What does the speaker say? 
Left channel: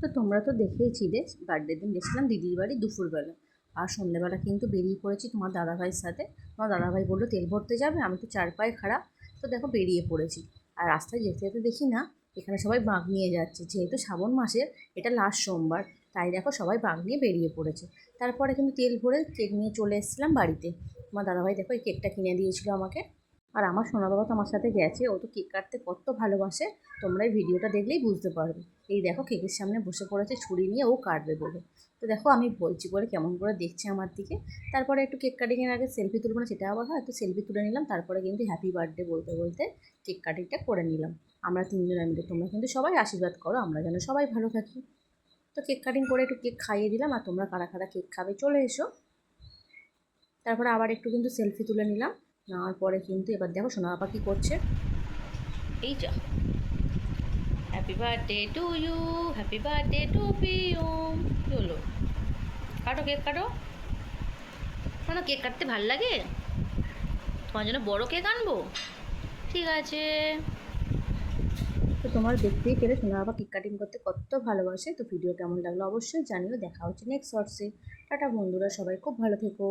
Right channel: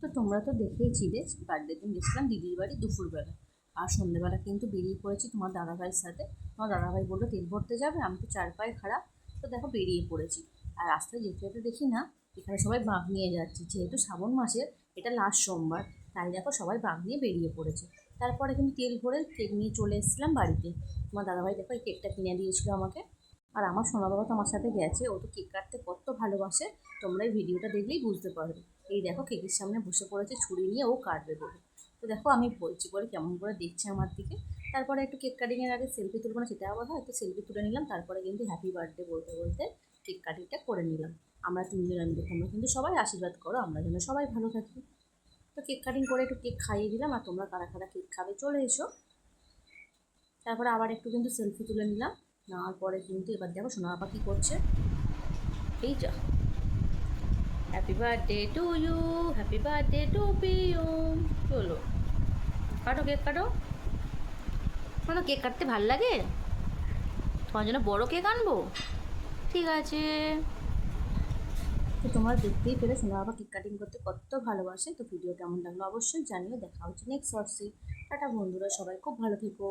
তো তোমরা তো দেখেইছিলে বার্থডের দিন গেছিলাম দিদির বাড়ি দুপুরবেলা, আর সন্ধ্যেবেলা কিন্তু বেরিয়ে পড়েছি তোমার দাদাভাইয়ের সাথে। তোমার দাদাভাই বললো তেল ভরতে যাবে, আমি তো চার পায়ে খারাপ, তো দেখো বেরিয়ে পড়েছি। আর রাস্তায় যেতে যেতে দেখি না এখানে সবাই বাঁক নিয়ে যাচ্ছে, যেহেতু শ্রাবণ মাসের এটা লাস্ট সোমবার, তাই দেখো সবাই বাঁক নিয়ে বেরিয়ে পড়েছে। তারপরে কিন্তু তেল ভরে কেক নিয়ে চলে এসেছিলাম বাড়িতে। তোমার দাদাভাই দেখো এই কেকটা কিনে দিয়েছিল আমাকে। আর আমার সোনা বাবা তো আমার সাথে গেছে, ও তো কেক কাটতে কত ভালোবাসে, তোমরা এই ভিডিওটা দেখলেই বুঝতে পারবে। এই দেখো কেকের সামনে বসে পড়েছে ছুরি নিয়ে ও কাটবে বলে। তো দেখো আমি বলছি বলে কেমন করে দেখছে আমার দিকে। তারপরে একটু কেক কাটিংয়ের আগে সেলফি তুলবো না সেটা আবার হয়, তো সেলফি তুলে নিলাম, তারপরে কিন্তু হ্যাপি বার্থডে বলতে বলতে কেক কাটিংটা করে নিলাম। আমরা তিনজনে মিলে, তোমরা কিন্তু সবাই আশীর্বাদ করো আমরা যেন সবাই ভালো থাকি। তো কেক কাটিং করে একটু কেক খাইয়ে দিলাম, আর তোমরা কারা কারা কেক খাবে চলে এসো। তারপরে আবার একটু কিন্তু সেলফি তুলে নিলাম। নেওয়ার পরে কিন্তু এবার দেখো সোনা বাবা কী করছে, এই যা, happy birthday to you, happy birthday to Piyam. কী হলো, কাটো কেক কাটো। মানে কেক কাটতে ভাল লাগে, তোমার জন্য বড় কেক আনবো, ঠিক আছে। তো তোমরা দেখতেই পেলে সোনা বাবা কেক কাটিং করতে কত ভালোবাসে। তো ভিডিও কেমন লাগলো অবশ্যই জানিও, দেখা হচ্ছে নেক্সট শর্টসে। টাটা বন্ধুরা, সবাই খুব ভালো থেকো।